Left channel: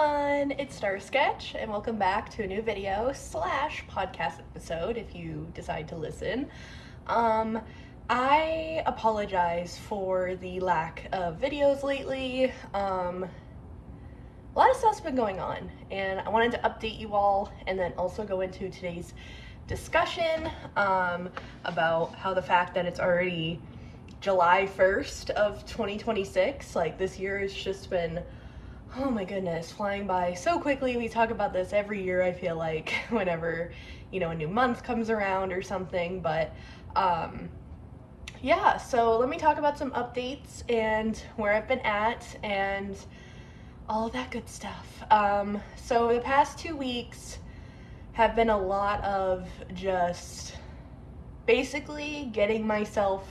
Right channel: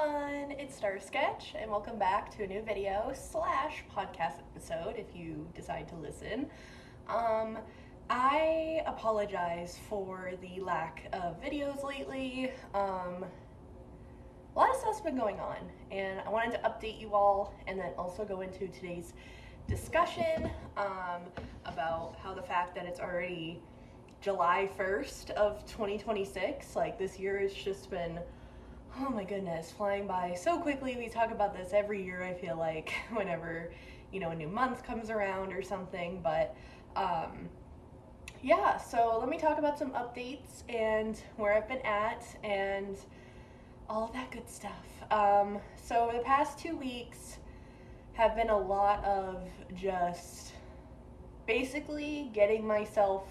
everyone, it's Star Sketch, and welcome back to a new video slash podcast episode if you decide to listen. I apologize for the lack of videos lately. A lot of stuff's been going on, and I wanted to update you all and then also go into today's discussion about how the fact that it's already July 1st of 2026, like this year has just been, oh my goodness, flying by so quickly. We talk about this every year, I feel like, whenever, a new month comes around or something. But yeah, so let me talk about some updates and where I've been at and all of that good stuff. So the past 2 weeks have been a lot of just basically getting myself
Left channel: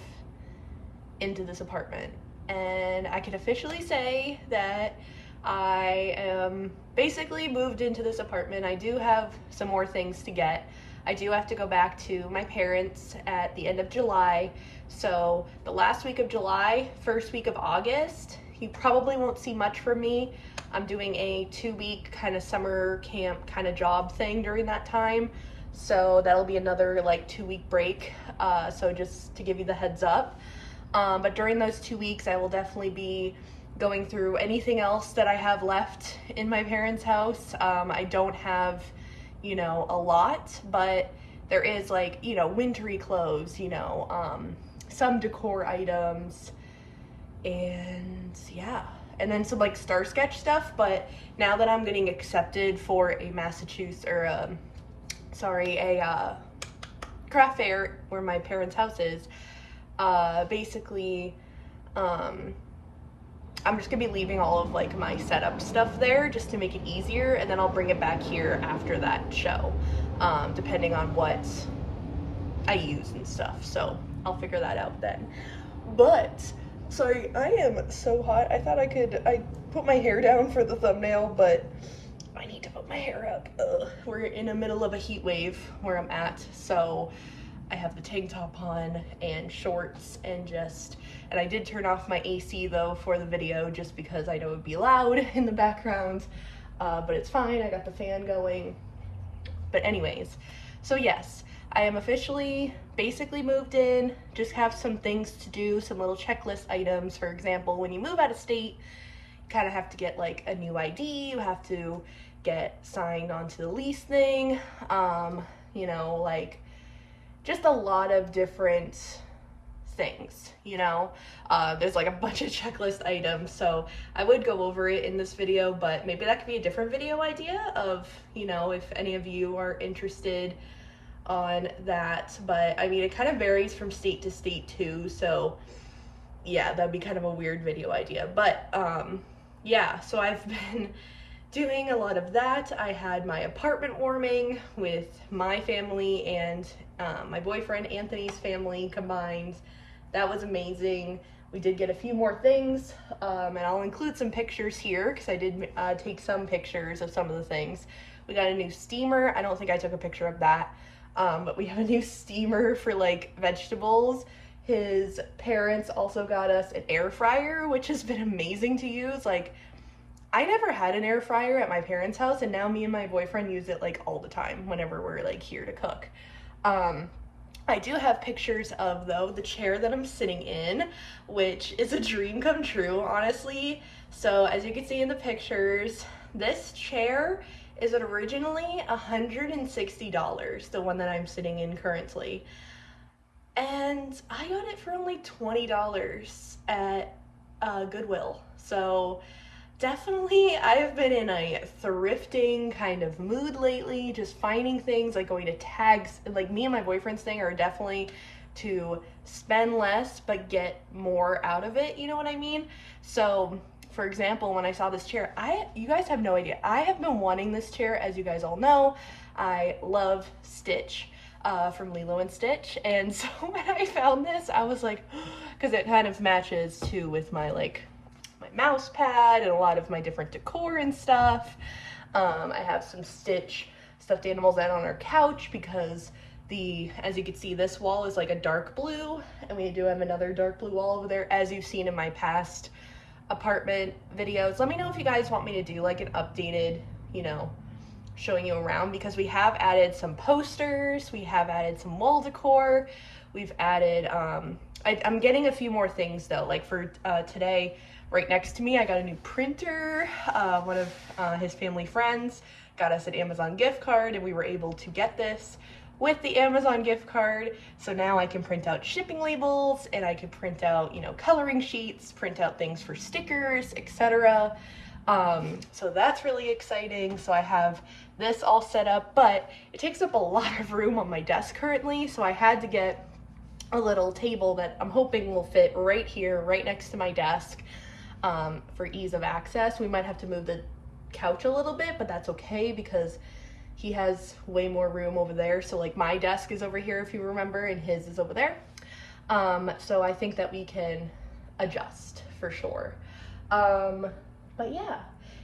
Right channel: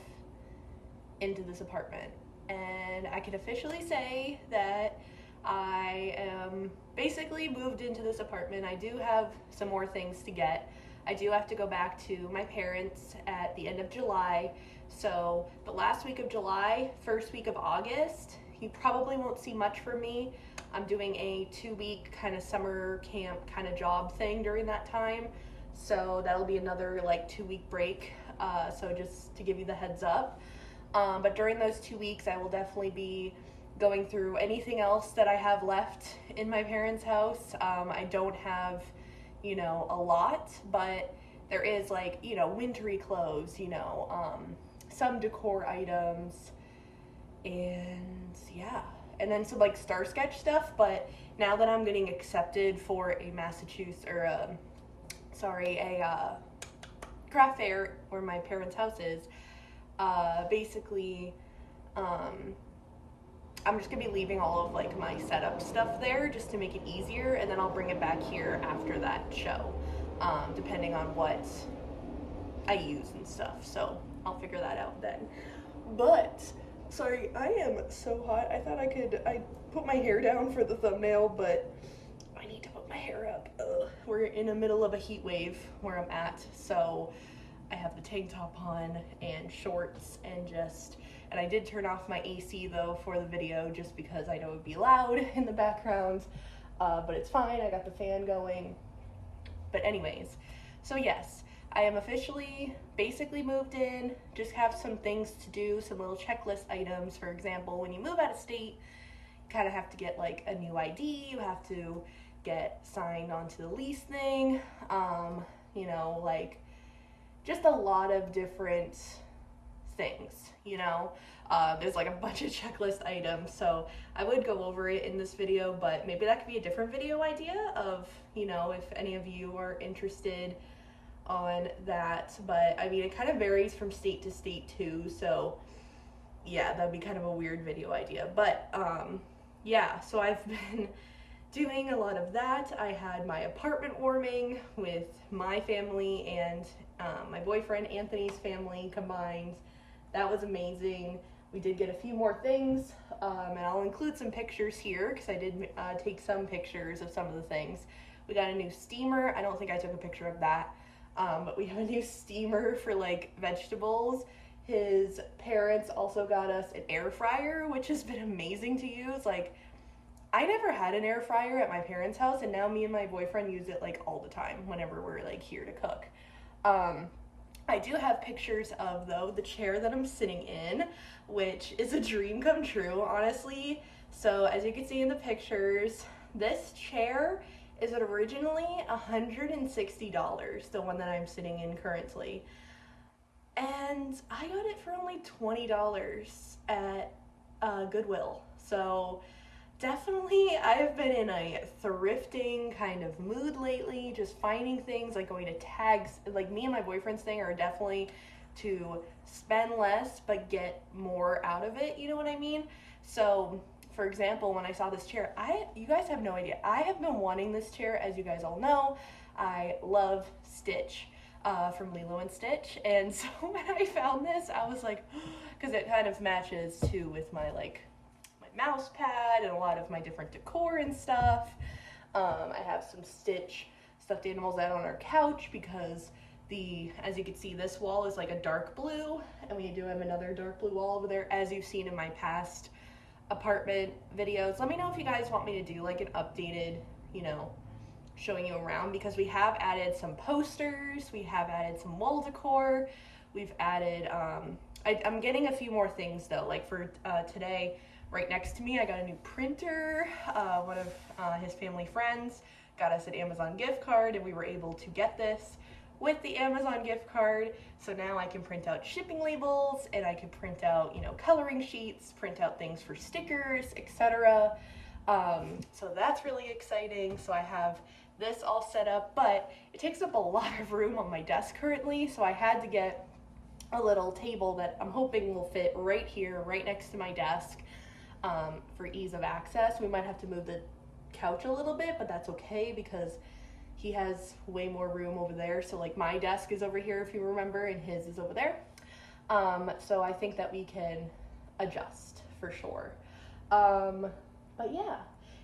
into this apartment. And I can officially say that I am basically moved into this apartment. I do have some more things to get. I do have to go back to my parents at the end of July. So the last week of July, first week of August, you probably won't see much from me. I'm doing a 2-week kind of summer camp kind of job thing during that time. So that'll be another like 2-week break. So just to give you the heads up. But during those 2 weeks, I will definitely be going through anything else that I have left in my parents' house. I don't have, a lot, but there is like, wintry clothes, some decor items, and yeah. And then some like Star Sketch stuff, but now that I'm getting accepted for a craft fair where my parents' house is, basically, I'm just gonna be leaving all of like my setup stuff there just to make it easier, and then I'll bring it back here after that show, depending on what I use and stuff. So I'll figure that out then. But sorry, I am so hot. I thought I put my hair down for the thumbnail, but I need to put my hair up. We're in the middle of a heat wave where I'm at, so I have the tank top on and shorts and I did turn off my AC though for the video just because I know it would be loud in the background, but it's fine. I got the fan going. But anyways, so yes, I am officially basically moved in, just have some things to do, some little checklist items. For example, when you move out of state, you kind of have to get like a new ID, you have to get signed onto the lease thing, like just a lot of different things, there's like a bunch of checklist items, so I would go over it in this video, but maybe that could be a different video idea of, if any of you are interested on that. But I mean, it kind of varies from state to state too, so yeah, that'd be kind of a weird video idea. But yeah, so I've been doing a lot of that. I had my apartment warming with my family and my boyfriend Anthony's family combined. That was amazing. We did get a few more things, and I'll include some pictures here because I did take some pictures of some of the things. We got a new steamer. I don't think I took a picture of that, but we have a new steamer for like vegetables. His parents also got us an air fryer, which has been amazing to use. Like, I never had an air fryer at my parents' house, and now me and my boyfriend use it like all the time whenever we're like here to cook. I do have pictures of though the chair that I'm sitting in, which is a dream come true, honestly. So as you can see in the pictures, this chair is originally $160, the one that I'm sitting in currently. And I got it for only $20 at Goodwill. So definitely, I have been in a thrifting kind of mood lately, just finding things, like going to tags. Like, me and my boyfriend's thing are definitely to spend less but get more out of it, you know what I mean? So, for example, when I saw this chair, you guys have no idea. I have been wanting this chair, as you guys all know. I love Stitch from Lilo and Stitch, and so when I found this, I was like, because it kind of matches too with my mouse pad and a lot of my different decor and stuff. I have some Stitch stuffed animals out on our couch because as you can see, this wall is like a dark blue, and we do have another dark blue wall over there, as you've seen in my past apartment videos. Let me know if you guys want me to do like an updated, you know, showing you around, because we have added some posters, we have added some wall decor, we've added, I'm getting a few more things though, like for today, right next to me, I got a new printer. One of his family friends got us an Amazon gift card, and we were able to get this with the Amazon gift card. So now I can print out shipping labels, and I can print out, you know, coloring sheets, print out things for stickers, etc. So that's really exciting. So I have this all set up, but it takes up a lot of room on my desk currently. So I had to get a little table that I'm hoping will fit right here, right next to my desk, for ease of access. We might have to move the couch a little bit, but that's okay because he has way more room over there. So like my desk is over here, if you remember, and his is over there. So I think that we can adjust for sure. But yeah,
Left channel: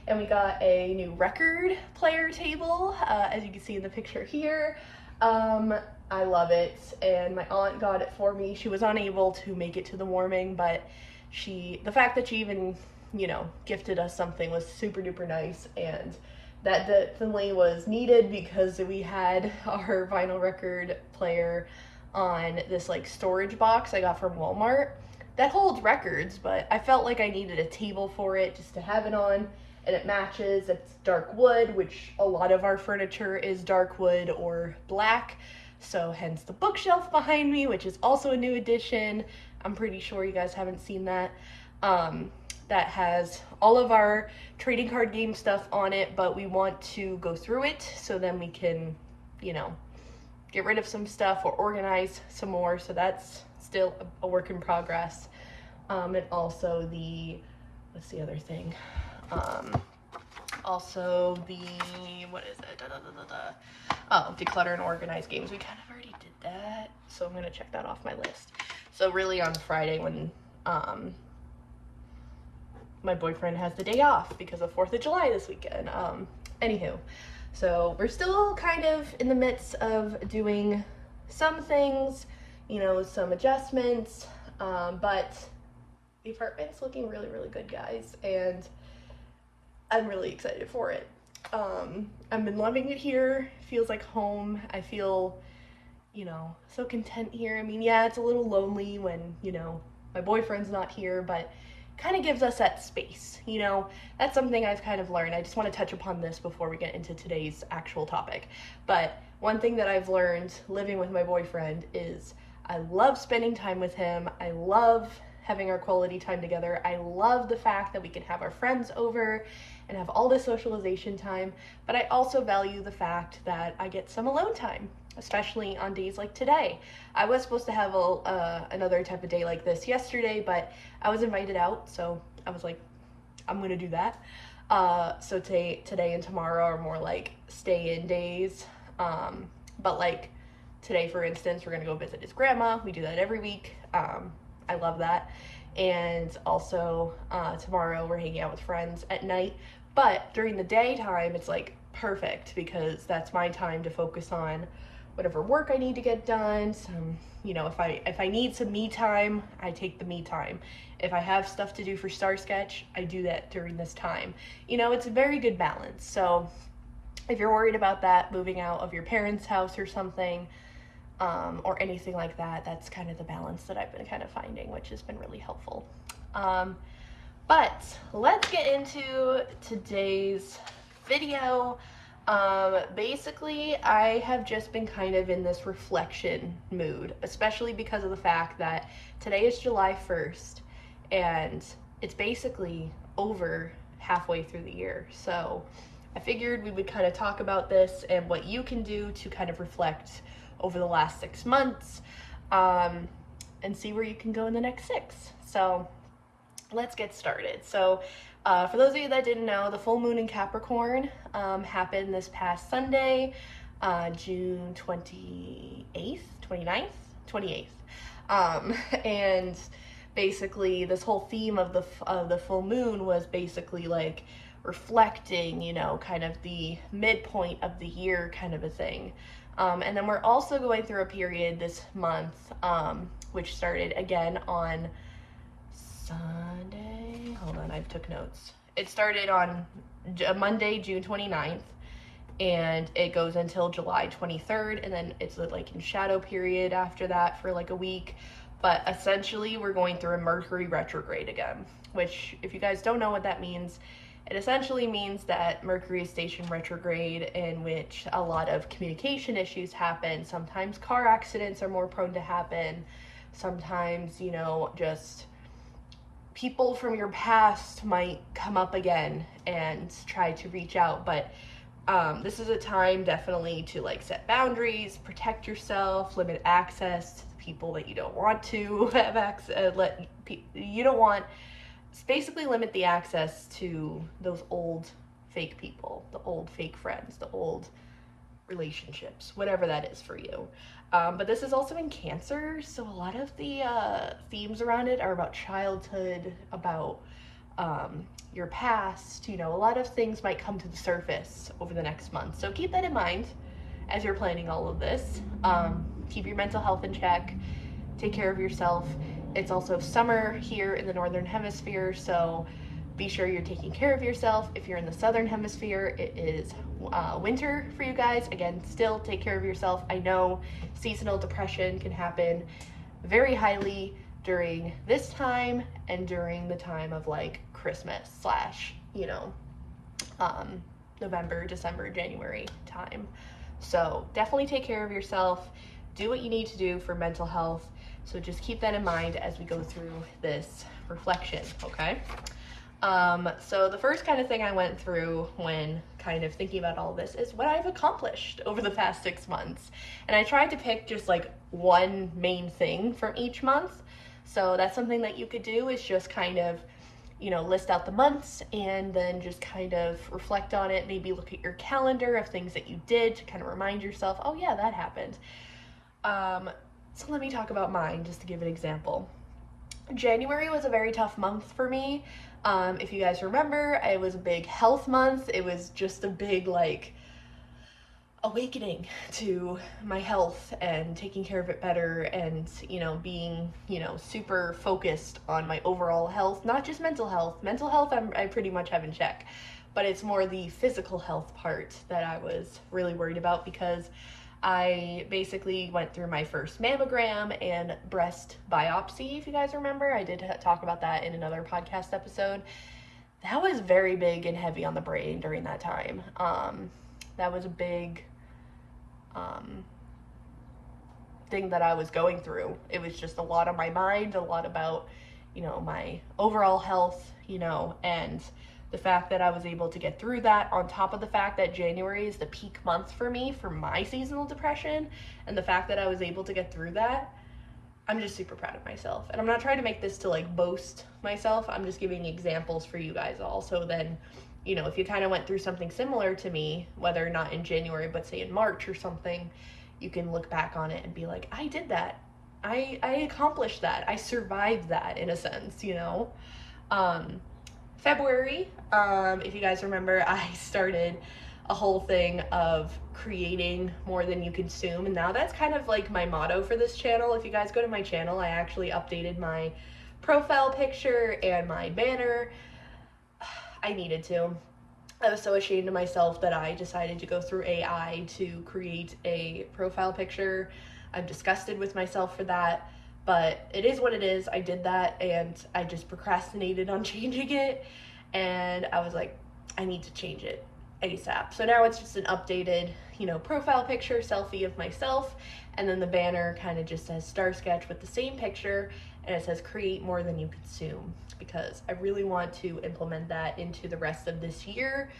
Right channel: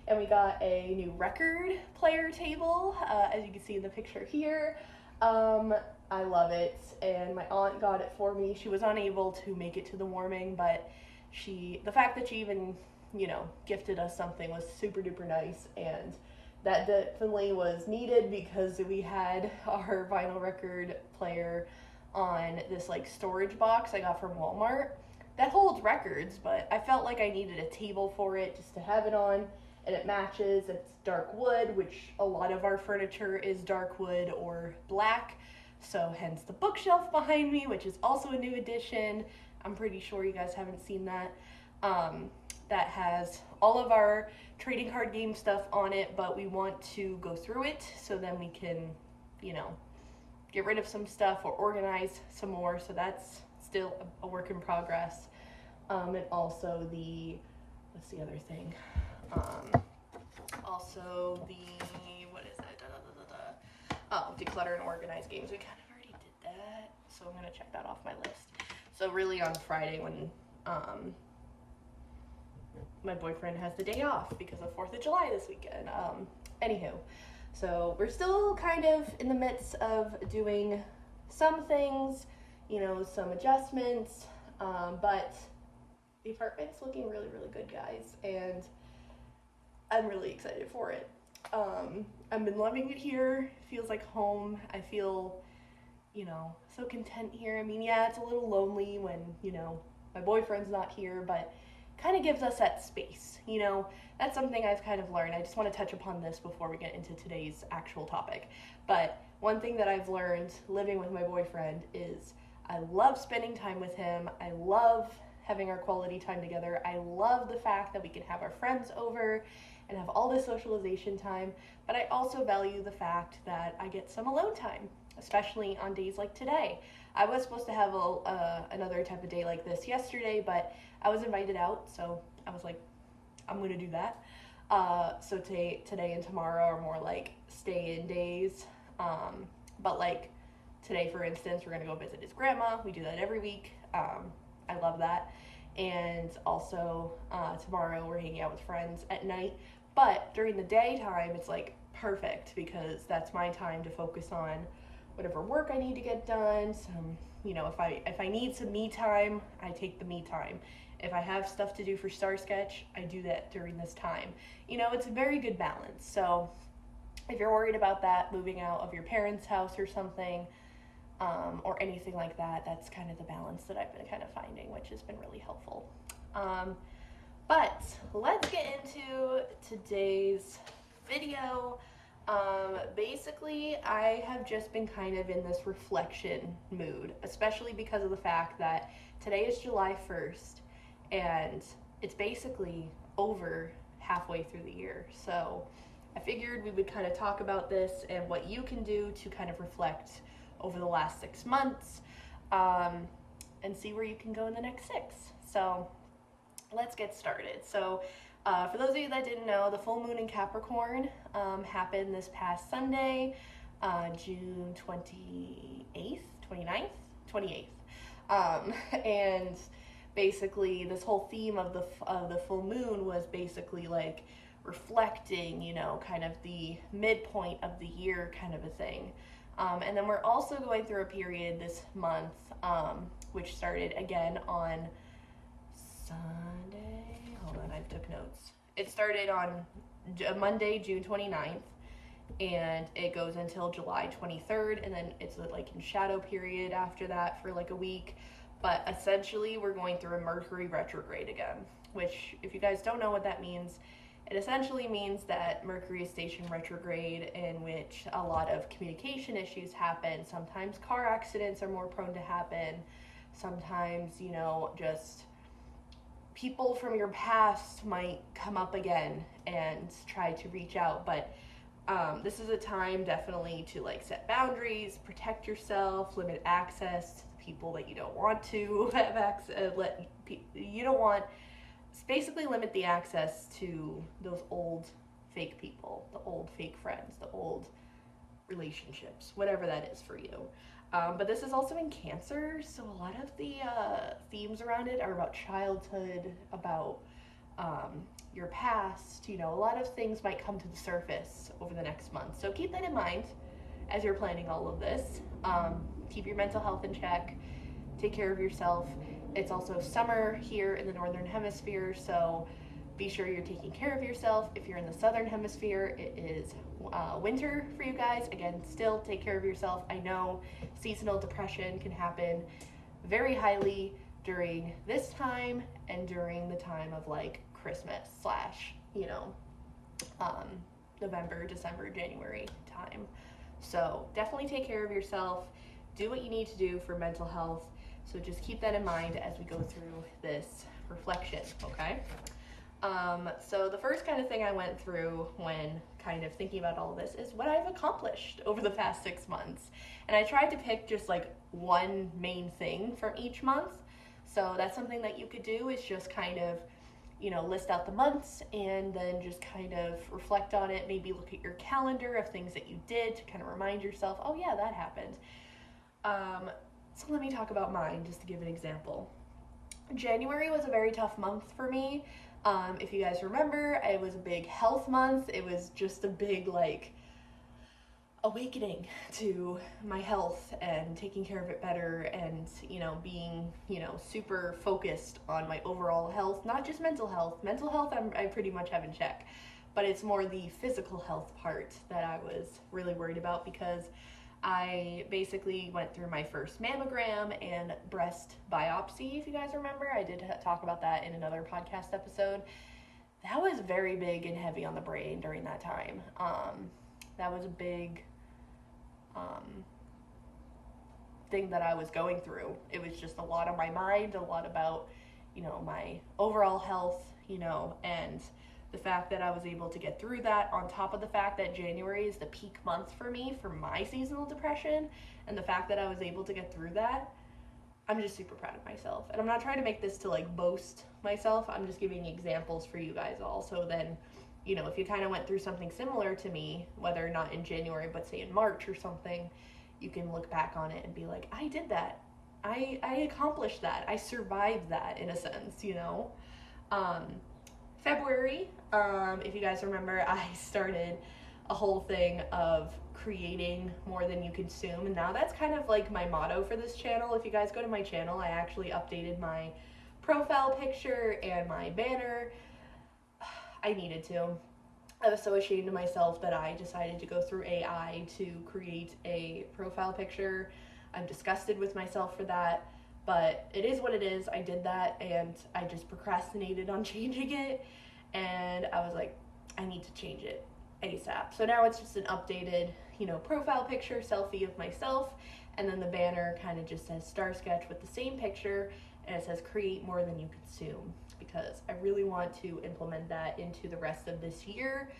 and we got a new record player table, as you can see in the picture here. I love it, and my aunt got it for me. She was unable to make it to the warming, but the fact that she even, you know, gifted us something was super duper nice, and that definitely was needed because we had our vinyl record player on this like storage box I got from Walmart that holds records, but I felt like I needed a table for it just to have it on, and it matches. It's dark wood, which a lot of our furniture is dark wood or black, so hence the bookshelf behind me, which is also a new addition. I'm pretty sure you guys haven't seen that. That has all of our trading card game stuff on it, but we want to go through it so then we can, you know, get rid of some stuff or organize some more. So that's still a work in progress. And also what's the other thing? Also what is it? Oh, declutter and organize games. We kind of already did that, so I'm gonna check that off my list. So really on Friday when my boyfriend has the day off because of 4th of July this weekend. Anywho, so we're still kind of in the midst of doing some things, you know, some adjustments, but the apartment's looking really, really good, guys, and I'm really excited for it. I've been loving it here. It feels like home. I feel, you know, so content here. I mean, yeah, it's a little lonely when, you know, my boyfriend's not here, but kind of gives us that space, you know. That's something I've kind of learned. I just want to touch upon this before we get into today's actual topic. But one thing that I've learned living with my boyfriend is I love spending time with him. I love having our quality time together. I love the fact that we can have our friends over and have all this socialization time, but I also value the fact that I get some alone time, especially on days like today. I was supposed to have another type of day like this yesterday, but I was invited out, so I was like, I'm gonna do that. So today and tomorrow are more like stay-in days, but like today, for instance, we're gonna go visit his grandma. We do that every week. I love that. And also tomorrow we're hanging out with friends at night, but during the daytime it's like perfect because that's my time to focus on whatever work I need to get done. You know, if I need some me time, I take the me time. If I have stuff to do for Star Sketch, I do that during this time. You know, it's a very good balance. So if you're worried about that, moving out of your parents' house or something, or anything like that, that's kind of the balance that I've been kind of finding, which has been really helpful. But let's get into today's video. Basically, I have just been kind of in this reflection mood, especially because of the fact that today is July 1st, and it's basically over halfway through the year. So I figured we would kind of talk about this and what you can do to kind of reflect over the last 6 months, and see where you can go in the next 6. So let's get started. So for those of you that didn't know, the full moon in Capricorn happened this past Sunday, June 28th, 29th, 28th. And basically this whole theme of the full moon was basically like reflecting, you know, kind of the midpoint of the year kind of a thing. And then we're also going through a period this month, which started again on Sunday. Hold on, I took notes. It started on Monday, June 29th, and it goes until July 23rd, and then it's like in shadow period after that for like a week. But essentially, we're going through a Mercury retrograde again, which, if you guys don't know what that means, it essentially means that Mercury is stationed retrograde, in which a lot of communication issues happen. Sometimes car accidents are more prone to happen. Sometimes, you know, just people from your past might come up again and try to reach out. But this is a time definitely to like set boundaries, protect yourself, limit access to the people that you don't want to have access. You don't want. Basically limit the access to those old fake people, the old fake friends, the old relationships, whatever that is for you. But this is also in Cancer, so a lot of the themes around it are about childhood, about your past. You know, a lot of things might come to the surface over the next month. So keep that in mind as you're planning all of this. Keep your mental health in check. Take care of yourself. It's also summer here in the Northern Hemisphere, so be sure you're taking care of yourself. If you're in the Southern Hemisphere, it is winter for you guys. Again, still take care of yourself. I know seasonal depression can happen very highly during this time and during the time of like Christmas / you know, November, December, January time. So definitely take care of yourself. Do what you need to do for mental health. So just keep that in mind as we go through this reflection, okay? So the first kind of thing I went through when kind of thinking about all this is what I've accomplished over the past 6 months. And I tried to pick just like one main thing from each month. So that's something that you could do, is just kind of, you know, list out the months and then just kind of reflect on it. Maybe look at your calendar of things that you did to kind of remind yourself, oh yeah, that happened. So let me talk about mine, just to give an example. January was a very tough month for me. If you guys remember, it was a big health month. It was just a big, like, awakening to my health and taking care of it better and, you know, being, you know, super focused on my overall health, not just mental health. Mental health I pretty much have in check, but it's more the physical health part that I was really worried about, because I basically went through my first mammogram and breast biopsy, if you guys remember. I did talk about that in another podcast episode. That was very big and heavy on the brain during that time. That was a big thing that I was going through. It was just a lot on my mind, a lot about, you know, my overall health, you know, and the fact that I was able to get through that, on top of the fact that January is the peak month for me for my seasonal depression, and the fact that I was able to get through that, I'm just super proud of myself. And I'm not trying to make this to like boast myself. I'm just giving examples for you guys all. So then, you know, if you kind of went through something similar to me, whether not in January, but say in March or something, you can look back on it and be like, I did that. I accomplished that. I survived that, in a sense, you know? February, if you guys remember, I started a whole thing of creating more than you consume, and now that's kind of like my motto for this channel. If you guys go to my channel, I actually updated my profile picture and my banner. I needed to. I was so ashamed of myself that I decided to go through AI to create a profile picture. I'm disgusted with myself for that. But it is what it is. I did that, and I just procrastinated on changing it, and I was like, I need to change it ASAP. So now it's just an updated, you know, profile picture, selfie of myself, and then the banner kind of just says Star Sketch with the same picture, and it says create more than you consume, because I really want to implement that into the rest of this year,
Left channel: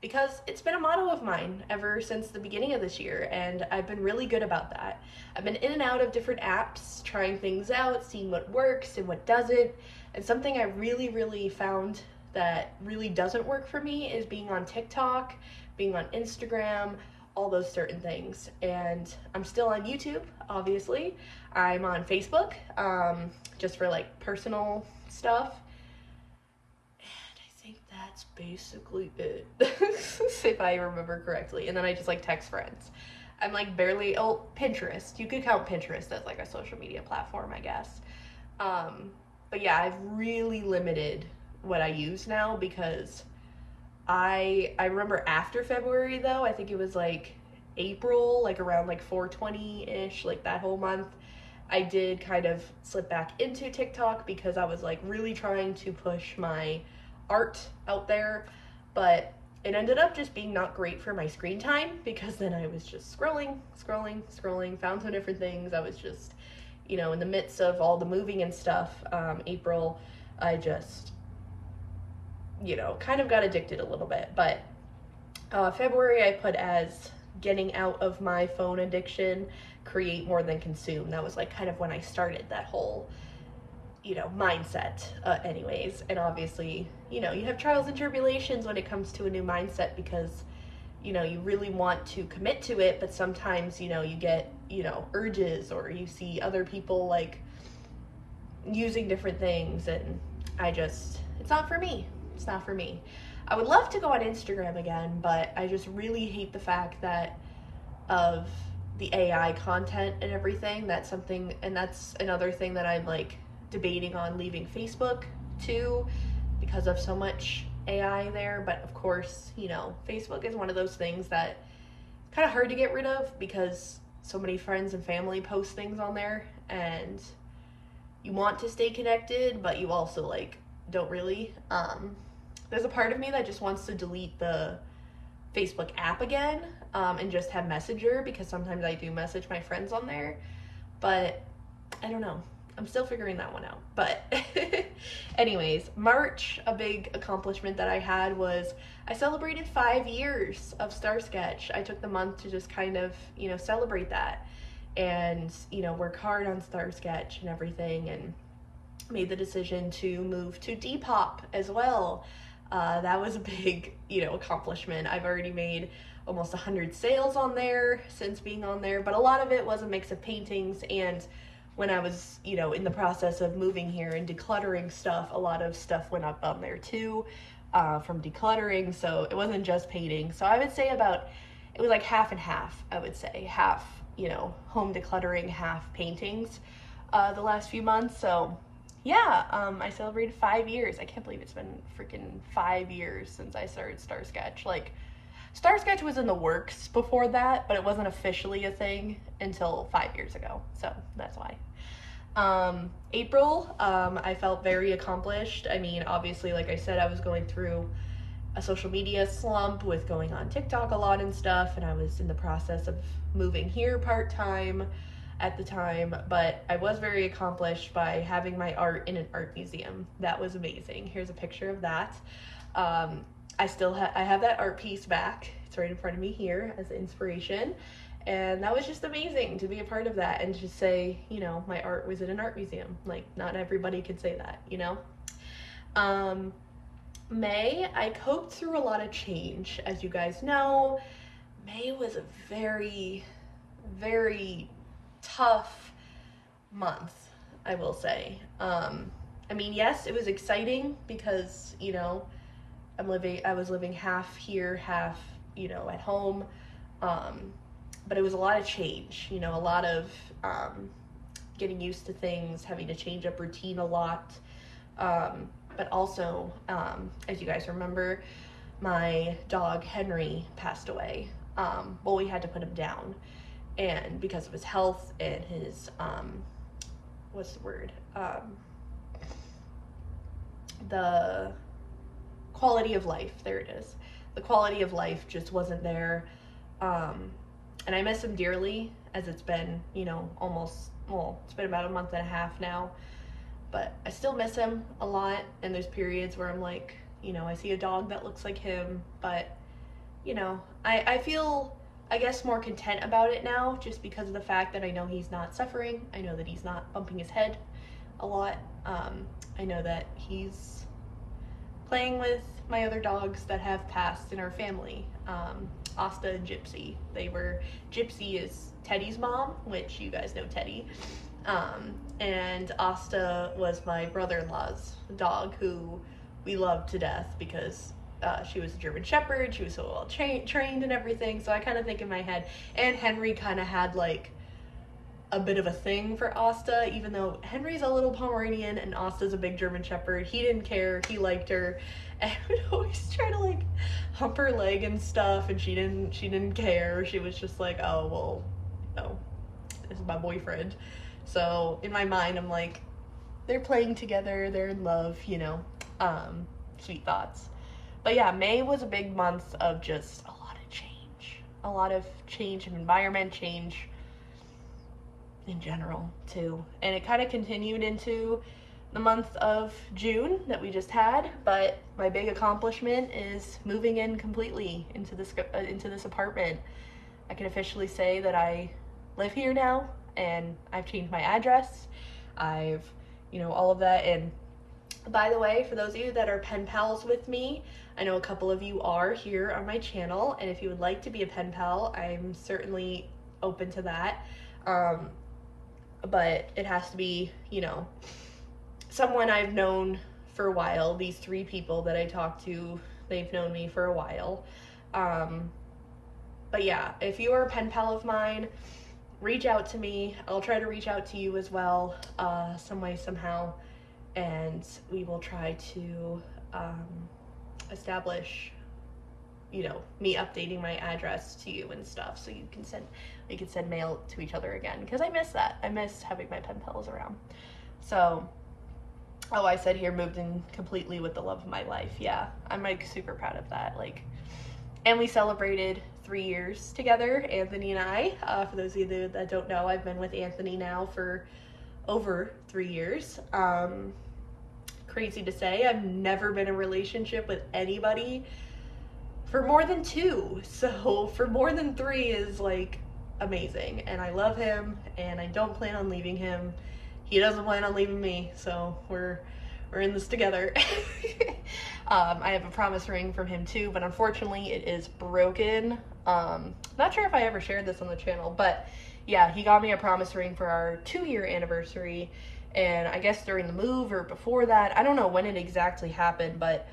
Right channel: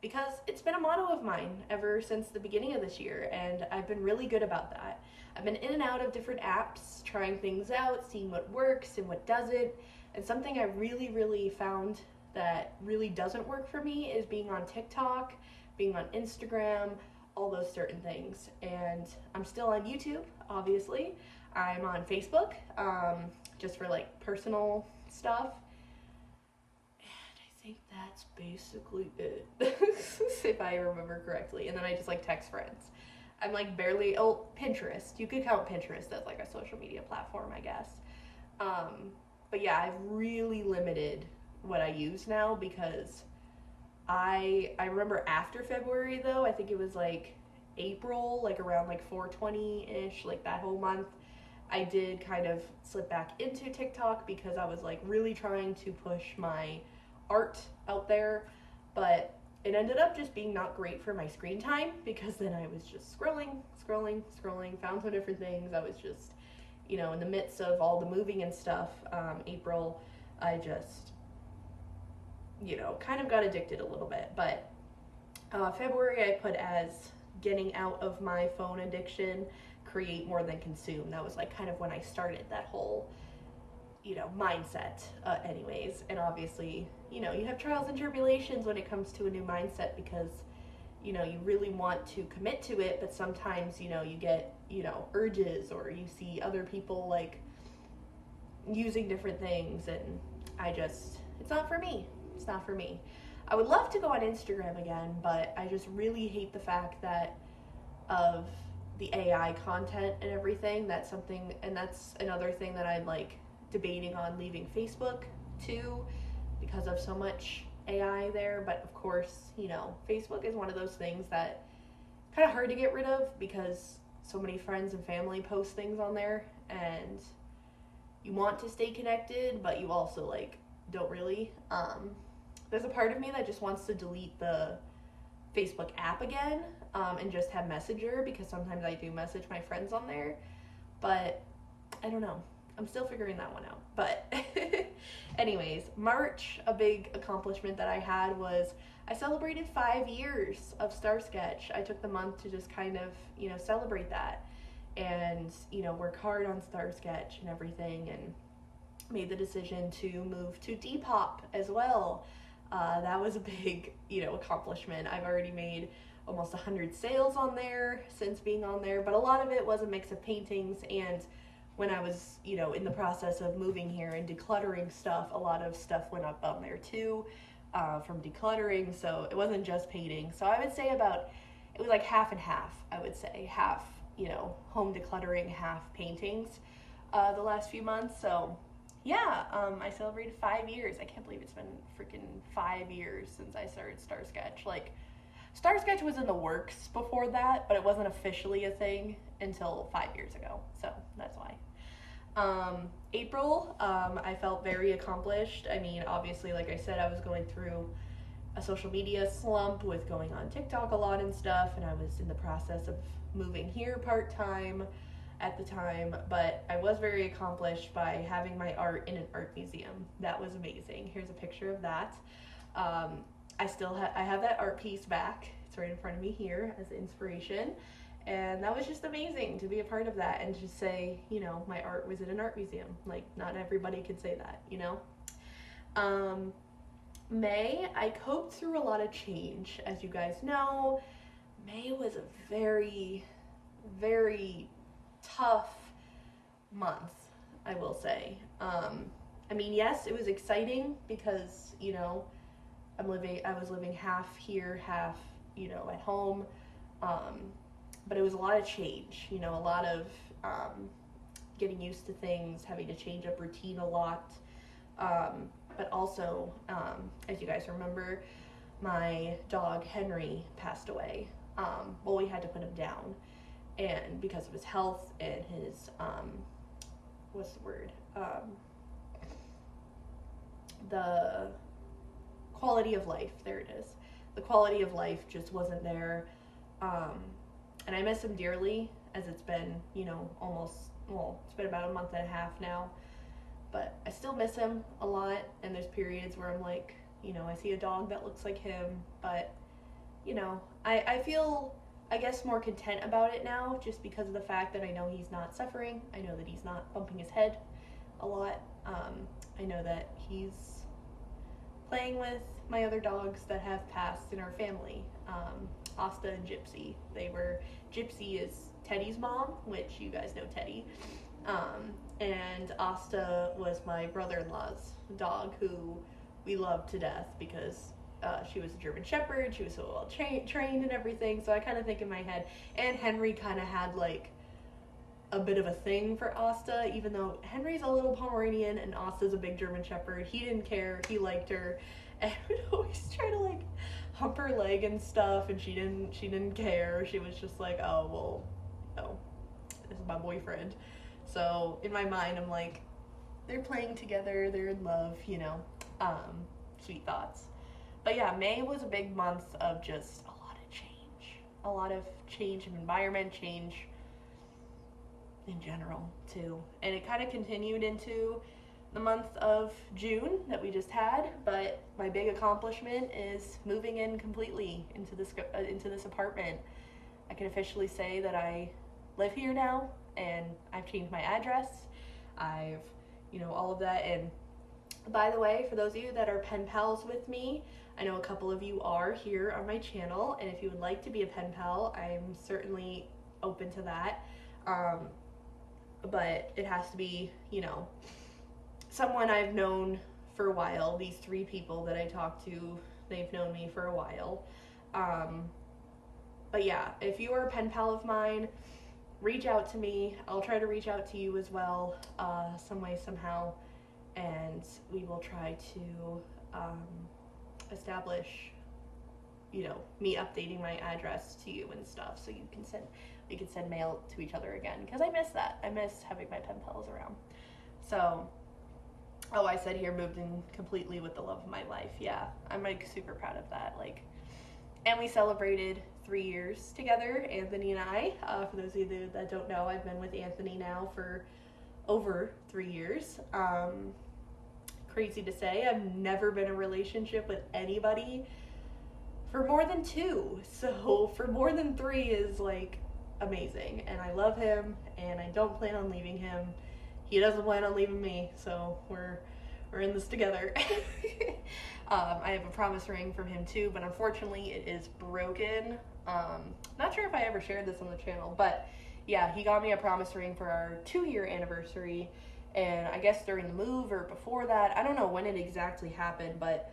because it's been a motto of mine ever since the beginning of this year, and I've been really good about that. I've been in and out of different apps, trying things out, seeing what works and what doesn't, and something I really found that really doesn't work for me is being on TikTok, being on Instagram, all those certain things. And I'm still on YouTube, obviously. I'm on Facebook, just for like personal stuff. That's basically it, if I remember correctly. And then I just like text friends. I'm like barely, oh, Pinterest. You could count Pinterest as like a social media platform, I guess. but yeah, I've really limited what I use now because I remember after February though, I think it was like April, like around like 420-ish, like that whole month, I did kind of slip back into TikTok because I was like really trying to push my art out there, but it ended up just being not great for my screen time because then I was just scrolling, found some different things. I was just, in the midst of all the moving and stuff, April, I just, kind of got addicted a little bit. But February I put as getting out of my phone addiction, create more than consume. That was like kind of when I started that whole, mindset, anyways. And obviously, you have trials and tribulations when it comes to a new mindset because, you really want to commit to it, but sometimes, you get, urges, or you see other people like using different things, and it's not for me. It's not for me. I would love to go on Instagram again, but I just really hate the fact that of the AI content and everything. That's something, and that's another thing that I'm like debating on leaving Facebook too, because of so much AI there. But of course, Facebook is one of those things that it's kind of hard to get rid of because so many friends and family post things on there, and you want to stay connected, but you also like don't really. There's a part of me that just wants to delete the Facebook app again, and just have Messenger, because sometimes I do message my friends on there, but I don't know. I'm still figuring that one out. But anyways, March, a big accomplishment that I had was I celebrated 5 years of Star Sketch. I took the month to just kind of, celebrate that and, work hard on Star Sketch and everything, and made the decision to move to Depop as well. That was a big, accomplishment. I've already made almost 100 sales on there since being on there, but a lot of it was a mix of paintings, and when I was, in the process of moving here and decluttering stuff, a lot of stuff went up on there too, from decluttering, so it wasn't just painting. So I would say it was like half and half, I would say. Half, home decluttering, half paintings, the last few months, so yeah, I celebrated 5 years. I can't believe it's been freaking 5 years since I started Star Sketch. Like, Star Sketch was in the works before that, but it wasn't officially a thing until 5 years ago, so that's why. April, I felt very accomplished. I mean, obviously, like I said, I was going through a social media slump with going on TikTok a lot and stuff, and I was in the process of moving here part-time at the time, but I was very accomplished by having my art in an art museum. That was amazing. Here's a picture of that. I have that art piece back. It's right in front of me here as inspiration, and that was just amazing to be a part of that and to say, my art was in an art museum. Like, not everybody could say that, May, I coped through a lot of change. As you guys know, May was a very, very tough month, I will say. I mean, yes, it was exciting because, I was living half here, half, at home. But it was a lot of change, a lot of getting used to things, having to change up routine a lot. But also, as you guys remember, my dog Henry passed away. Well, we had to put him down, and because of his health and his what's the word, the quality of life, there it is, the quality of life just wasn't there, and I miss him dearly, as it's been, it's been about a month and a half now, but I still miss him a lot, and there's periods where I'm like, I see a dog that looks like him, but, I feel, I guess, more content about it now, just because of the fact that I know he's not suffering. I know that he's not bumping his head a lot. I know that he's playing with my other dogs that have passed in our family, Asta and Gypsy. Gypsy is Teddy's mom, which you guys know Teddy, and Asta was my brother-in-law's dog, who we loved to death because she was a German Shepherd. She was so well trained and everything. So I kind of think in my head, and Henry kind of had like a bit of a thing for Asta, even though Henry's a little Pomeranian and Asta's a big German Shepherd. He didn't care, he liked her, and would always try to like hump her leg and stuff, and she didn't care. She was just like, oh well, no, this is my boyfriend. So in my mind I'm like, they're playing together, they're in love, you know. Sweet thoughts. But yeah, May was a big month of just a lot of change in environment, change in general too. And it kind of continued into the month of June that we just had, but my big accomplishment is moving in completely into this apartment. I can officially say that I live here now, and I've changed my address. I've, you know, all of that. And by the way, for those of you that are pen pals with me, I know a couple of you are here on my channel, and if you would like to be a pen pal, I'm certainly open to that. But it has to be, you know, someone I've known for a while. These 3 people that I talked to, they've known me for a while. But yeah, if you are a pen pal of mine, reach out to me. I'll try to reach out to you as well, some way, somehow, and we will try to establish, you know, me updating my address to you and stuff, so we can send mail to each other again, because I miss that. I miss having my pen pals around. So, oh, I said here, moved in completely with the love of my life. Yeah, I'm like super proud of that. Like, and we celebrated 3 years together, Anthony and I. For those of you that don't know, I've been with Anthony now for over 3 years. Crazy to say, I've never been in a relationship with anybody for more than 2. So for more than 3 is like amazing, and I love him, and I don't plan on leaving him. He doesn't plan on leaving me, so we're in this together. I have a promise ring from him too, but unfortunately it is broken. Not sure if I ever shared this on the channel, but yeah, he got me a promise ring for our 2-year anniversary, and I guess during the move or before that, I don't know when it exactly happened, but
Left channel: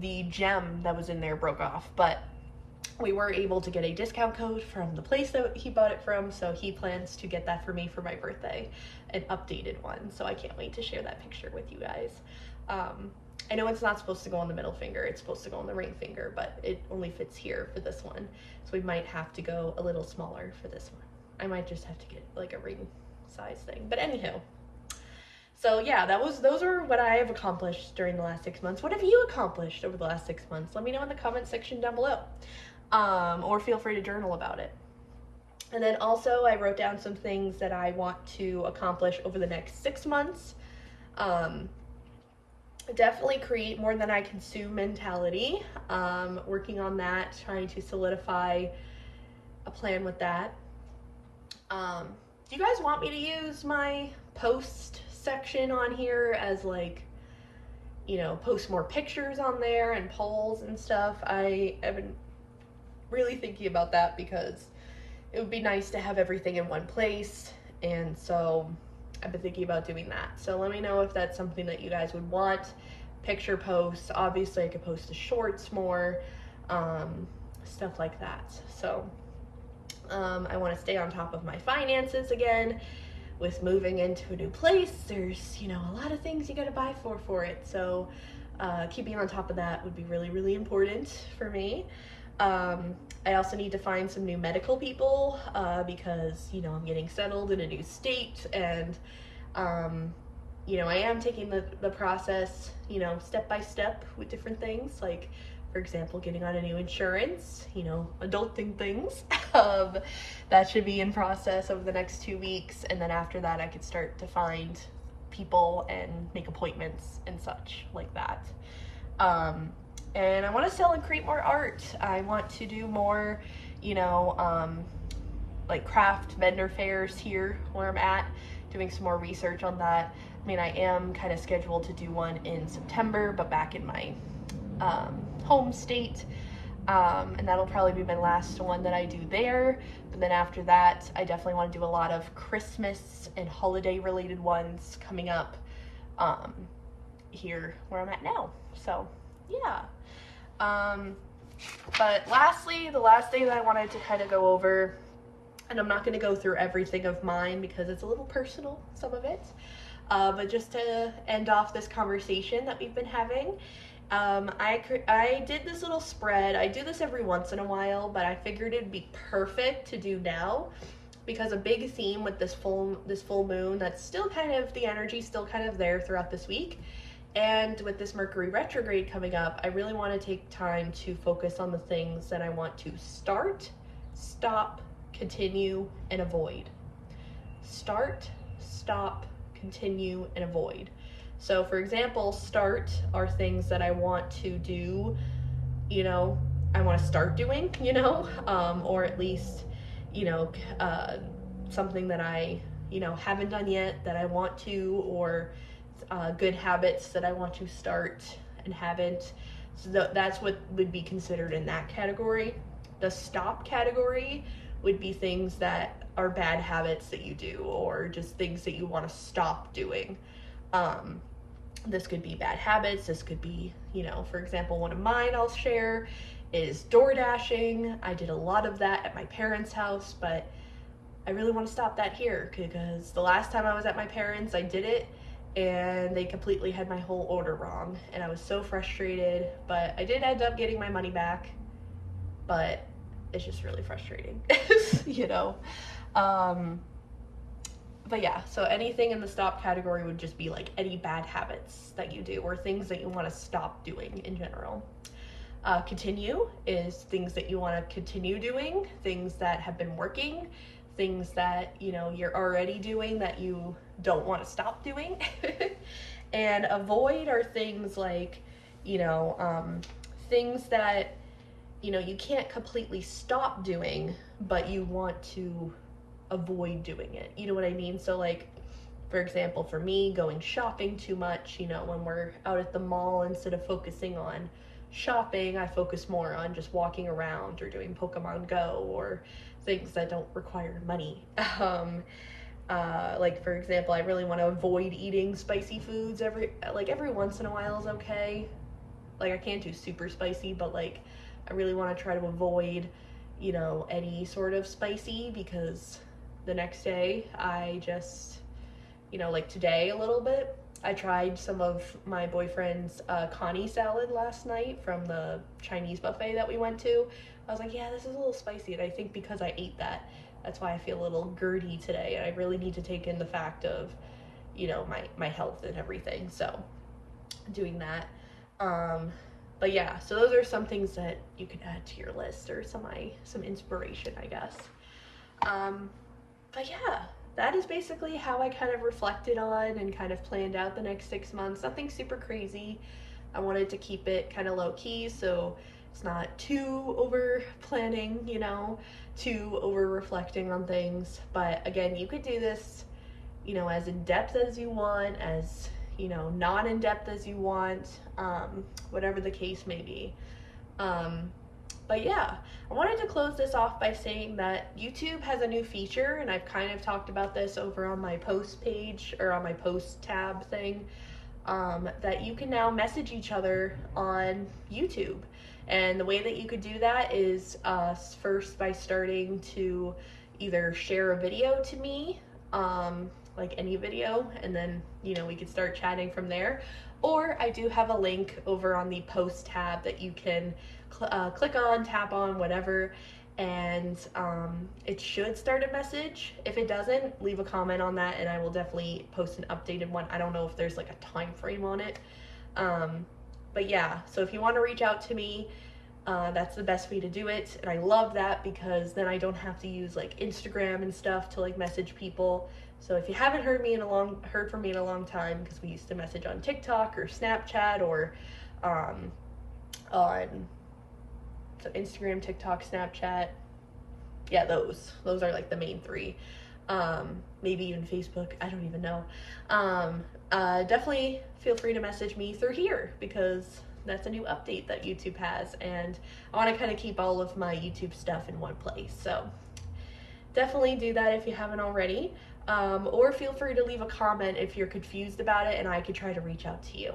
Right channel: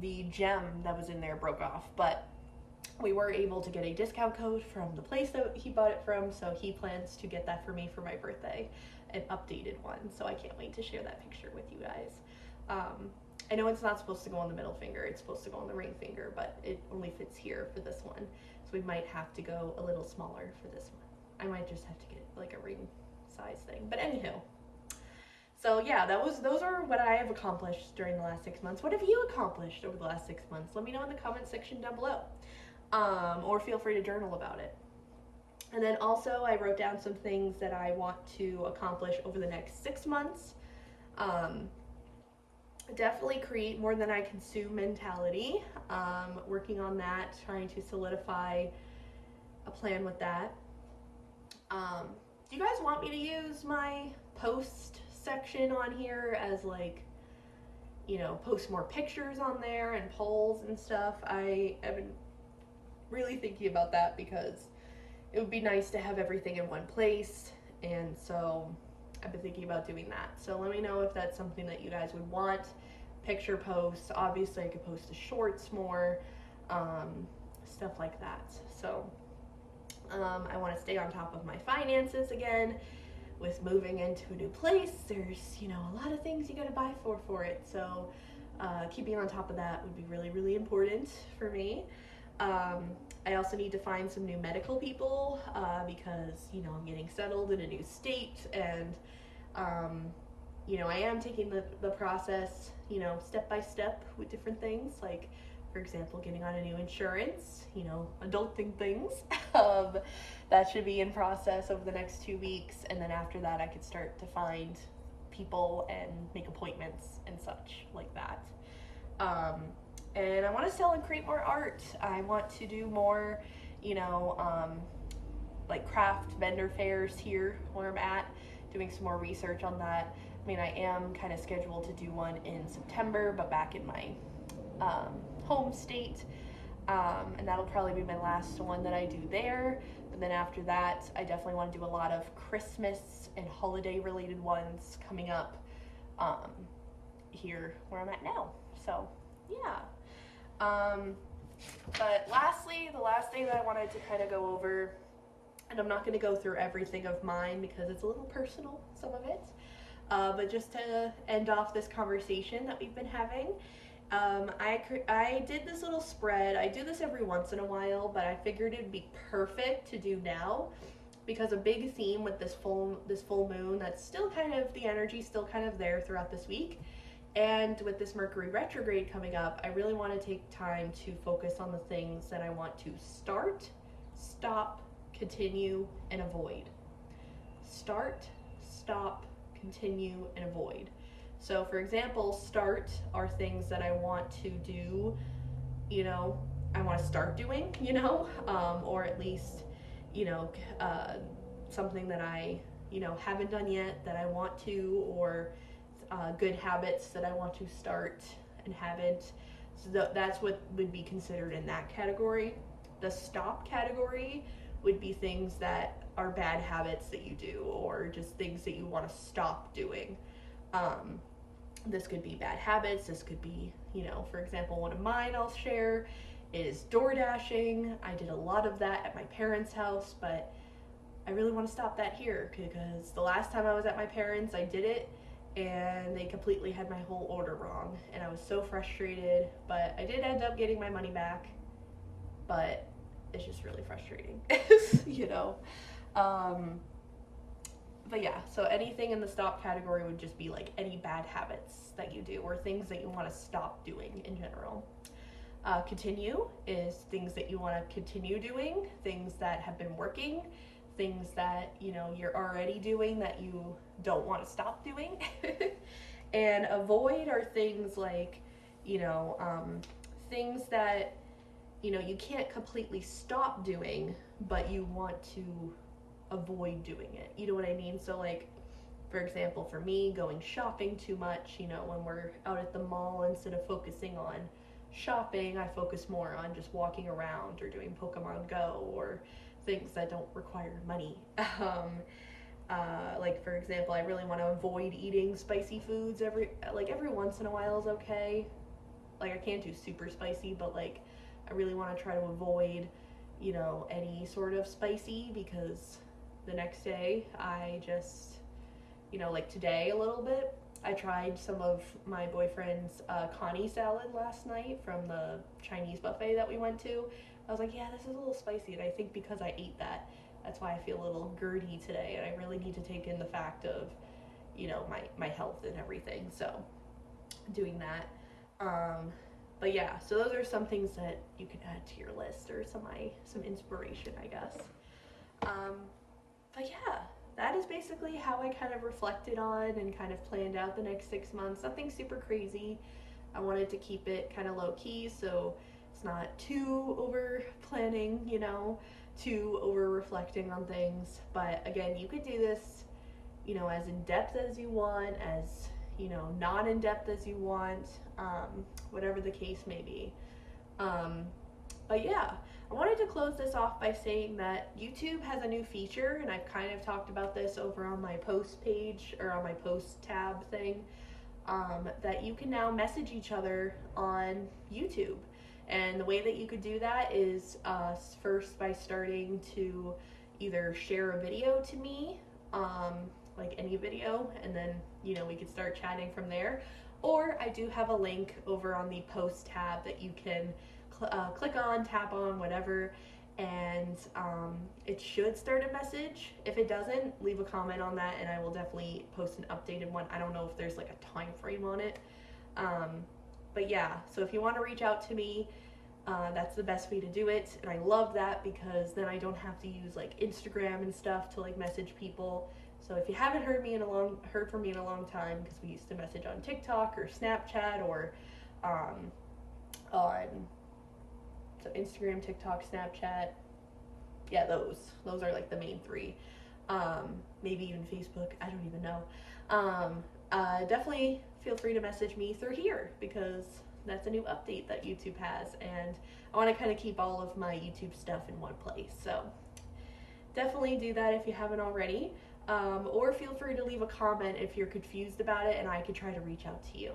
the gem that was in there broke off. But we were able to get a discount code from the place that he bought it from, so he plans to get that for me for my birthday, an updated one. So I can't wait to share that picture with you guys. I know it's not supposed to go on the middle finger, it's supposed to go on the ring finger, but it only fits here for this one, so we might have to go a little smaller for this one. I might just have to get like a ring size thing, but anyhow. So yeah, those are what I have accomplished during the last 6 months. What have you accomplished over the last 6 months? Let me know in the comment section down below. Or feel free to journal about it. And then also I wrote down some things that I want to accomplish over the next 6 months. Definitely create more than I consume mentality. Working on that, trying to solidify a plan with that. Do you guys want me to use my post section on here as like, you know, post more pictures on there and polls and stuff? I have been really thinking about that because it would be nice to have everything in one place, and so I've been thinking about doing that. So let me know if that's something that you guys would want. Picture posts, obviously I could post to shorts more, stuff like that. So I want to stay on top of my finances again. With moving into a new place, there's, you know, a lot of things you gotta buy for it. So keeping on top of that would be really, really important for me. I also need to find some new medical people because, you know, I'm getting settled in a new state, and you know, I am taking the process, you know, step by step with different things, like, for example, getting on a new insurance, you know, adulting things. That should be in process over the next 2 weeks, and then after that I could start to find people and make appointments and such like that. And I want to sell and create more art. I want to do more, you know, like craft vendor fairs here where I'm at, doing some more research on that. I mean, I am kind of scheduled to do one in September, but back in my home state, and that'll probably be my last one that I do there. But then after that, I definitely want to do a lot of Christmas and holiday related ones coming up here where I'm at now. So yeah. But lastly, the last thing that I wanted to kind of go over And I'm not going to go through everything of mine because it's a little personal, some of it. But just to end off this conversation that we've been having, I did this little spread. I do this every once in a while, but I figured it'd be perfect to do now because a big theme with this full moon, that's still kind of, the energy still kind of there throughout this week, and with this Mercury retrograde coming up, I really want to take time to focus on the things that I want to start, stop, continue, and avoid. Start, stop, continue, and avoid. So for example, start are things that I want to do, you know, I want to start doing, you know, or at least, you know, something that I, you know, haven't done yet that I want to, or good habits that I want to start and haven't. So that's what would be considered in that category. The stop category would be things that are bad habits that you do, or just things that you want to stop doing. This could be bad habits. This could be, you know, for example, one of mine I'll share is door dashing. I did a lot of that at my parents' house, but I really want to stop that here because the last time I was at my parents', I did it and they completely had my whole order wrong, and I was so frustrated. But I did end up getting my money back, but it's just really frustrating, you know. But yeah, so anything in the stop category would just be like any bad habits that you do or things that you want to stop doing in general. Continue is things that you want to continue doing, things that have been working, things that, you know, you're already doing that you don't want to stop doing. And avoid are things like, you know, things that, you know, you can't completely stop doing, but you want to avoid doing it. You know what I mean? So like, for example, for me, going shopping too much, you know, when we're out at the mall, instead of focusing on shopping, I focus more on just walking around or doing Pokemon Go or things that don't require money. Like for example, I really want to avoid eating spicy foods. Every once in a while is okay. Like I can't do super spicy, but like I really want to try to avoid, you know, any sort of spicy, because the next day I just, you know, like today a little bit, I tried some of my boyfriend's Connie salad last night from the Chinese buffet that we went to. I was like, yeah, this is a little spicy, and I think because I ate that, that's why I feel a little GERD-y today, and I really need to take in the fact of, you know, my health and everything, so doing that. But yeah, so those are some things that you could add to your list, or some inspiration, I guess. But yeah, that is basically how I kind of reflected on and kind of planned out the next 6 months. Nothing super crazy. I wanted to keep it kind of low key, so it's not too over planning, you know, too over reflecting on things. But again, you could do this, you know, as in depth as you want, as, you know, not in depth as you want, whatever the case may be. But yeah, I wanted to close this off by saying that YouTube has a new feature, and I've kind of talked about this over on my post page, or on my post tab thing, that you can now message each other on YouTube. And the way that you could do that is first by starting to either share a video to me, like any video, and then, you know, we could start chatting from there. Or I do have a link over on the post tab that you can click on, tap on, whatever, and it should start a message. If it doesn't, leave a comment on that and I will definitely post an updated one. I don't know if there's like a time frame on it. But yeah, so if you want to reach out to me, that's the best way to do it. And I love that because then I don't have to use like Instagram and stuff to like message people. So if you haven't heard from me in a long time, because we used to message on TikTok or Snapchat or on so Instagram, TikTok, Snapchat. Yeah, those are like the main three. Maybe even Facebook, I don't even know. Definitely feel free to message me through here because that's a new update that YouTube has, and I want to kind of keep all of my YouTube stuff in one place. So definitely do that if you haven't already. Or feel free to leave a comment if you're confused about it and I could try to reach out to you.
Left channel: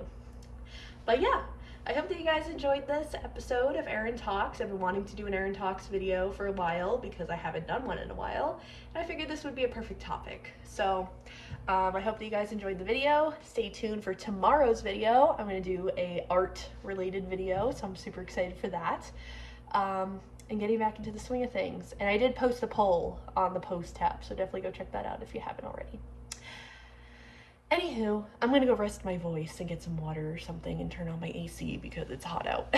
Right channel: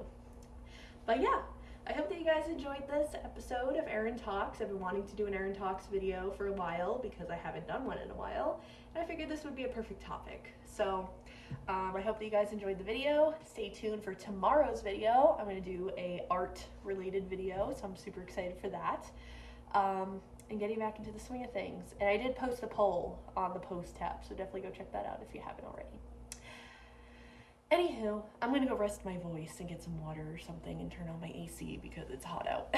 But yeah, I hope that you guys enjoyed this episode of Erin Talks. I've been wanting to do an Erin Talks video for a while because I haven't done one in a while. And I figured this would be a perfect topic. So I hope that you guys enjoyed the video. Stay tuned for tomorrow's video. I'm going to do a art related video, so I'm super excited for that. And getting back into the swing of things. And I did post a poll on the post tab, so definitely go check that out if you haven't already. Anywho, I'm gonna go rest my voice and get some water or something and turn on my AC because it's hot out.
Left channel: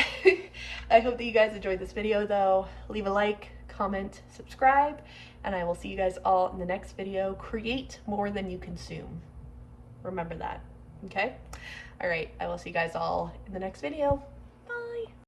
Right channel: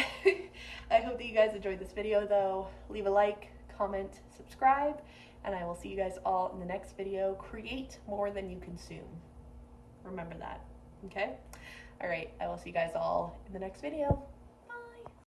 I hope that you guys enjoyed this video though. Leave a like, comment, subscribe, and I will see you guys all in the next video. Create more than you consume. Remember that, okay? All right, I will see you guys all in the next video.